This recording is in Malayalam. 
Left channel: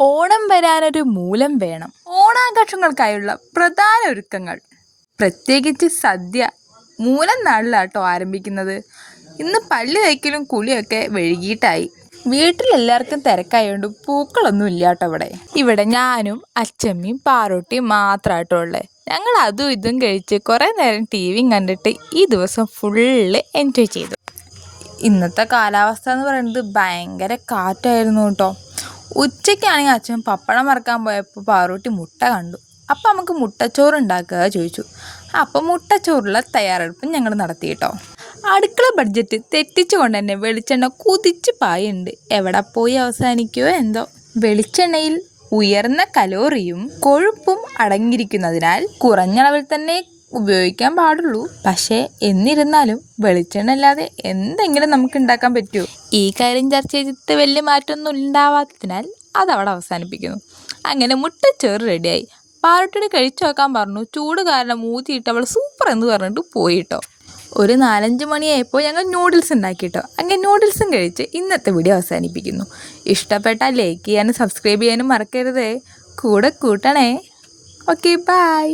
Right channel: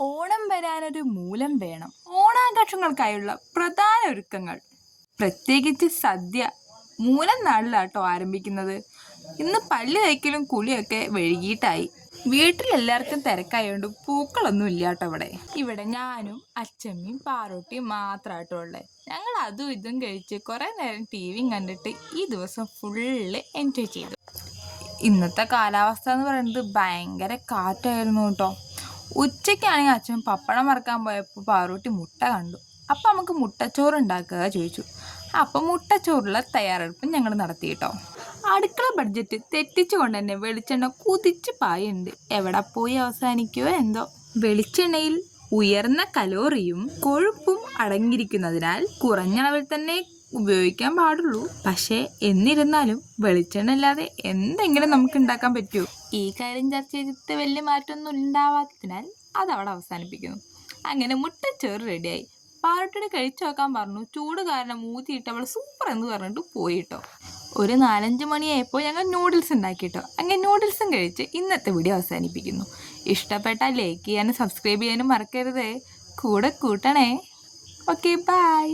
ഓണം വരാനൊരു മൂലം വേണം. ഓണാഘോഷങ്ങൾക്കായുള്ള പ്രധാന ഒരുക്കങ്ങൾ, പ്രത്യേകിച്ച് സദ്യ മൂലം നാളിലാട്ടോ ആരംഭിക്കുന്നത്. ഇന്ന് പല്ല് തേക്കലും കുളിയൊക്കെ വൈകിട്ടായി. വീട്ടിലെല്ലാവർക്കും തിരക്കായതുകൊണ്ട് പൂക്കളൊന്നും ഇല്ലാട്ടോ ഇവിടെ ഞാനും അച്ചമ്മയും പാറൂട്ടിയും മാത്രമായിട്ടോ ഉള്ളത്. ഞങ്ങൾ അതും ഇതും കഴിച്ച് കുറേ നേരം ടിവിയും കണ്ടിട്ട് ഈ ദിവസം ഫുള്ള് എൻജോയ് ചെയ്തു. ഇന്നത്തെ കാലാവസ്ഥ എന്ന് പറയുന്നത് ഭയങ്കര കാറ്റായിരുന്നു കേട്ടോ. ഉച്ചയ്ക്കാണെങ്കിൽ അച്ഛൻ പപ്പടം വറക്കാൻ പോയപ്പോൾ പാറൂട്ടി മുട്ട കണ്ടു. അപ്പം നമുക്ക് മുട്ടച്ചോറ് ഉണ്ടാക്കുക ചോദിച്ചു. അപ്പം മുട്ടച്ചോറുള്ള തയ്യാറെടുപ്പും ഞങ്ങൾ നടത്തി കേട്ടോ. അടുക്കള ബഡ്ജറ്റ് തെറ്റിച്ചുകൊണ്ട് തന്നെ വെളിച്ചെണ്ണ കുതിച്ച് പായുണ്ട്. എവിടെ പോയി അവസാനിക്കുമോ എന്തോ. വെളിച്ചെണ്ണയിൽ ഉയർന്ന കലോറിയും കൊഴുപ്പും അടങ്ങിയിരിക്കുന്നതിനാൽ കുറഞ്ഞളവിൽ തന്നെ ഉപയോഗിക്കാൻ പാടുള്ളൂ. പക്ഷേ എന്നിരുന്നാലും വെളിച്ചെണ്ണ ഇല്ലാതെ എന്തെങ്കിലും നമുക്ക് ഉണ്ടാക്കാൻ പറ്റുമോ? ഈ കാര്യം ചർച്ച ചെയ്തിട്ട് വലിയ മാറ്റമൊന്നും ഉണ്ടാവാത്തതിനാൽ അതവിടെ അവസാനിപ്പിക്കുന്നു. അങ്ങനെ മുട്ടച്ചോറ് റെഡിയായി. പാറൂട്ടിയോട് കഴിച്ചു നോക്കാൻ പറഞ്ഞു. ചൂട് കാരണം ഊതിയിട്ട് അവൾ സൂപ്പർ എന്ന് പറഞ്ഞിട്ട് പോയിട്ടോ. ഒരു 4-5 മണിയായപ്പോൾ ഞങ്ങൾ നൂഡിൽസ് ഉണ്ടാക്കിയിട്ടോ. അങ്ങനെ നൂഡിൽസും കഴിച്ച് ഇന്നത്തെ വീഡിയോ അവസാനിപ്പിക്കുന്നു. ഇഷ്ടപ്പെട്ടാൽ ലൈക്ക് ചെയ്യാനും സബ്സ്ക്രൈബ് ചെയ്യാനും മറക്കരുതേ. കൂടെ കൂട്ടണേ. Okay, by.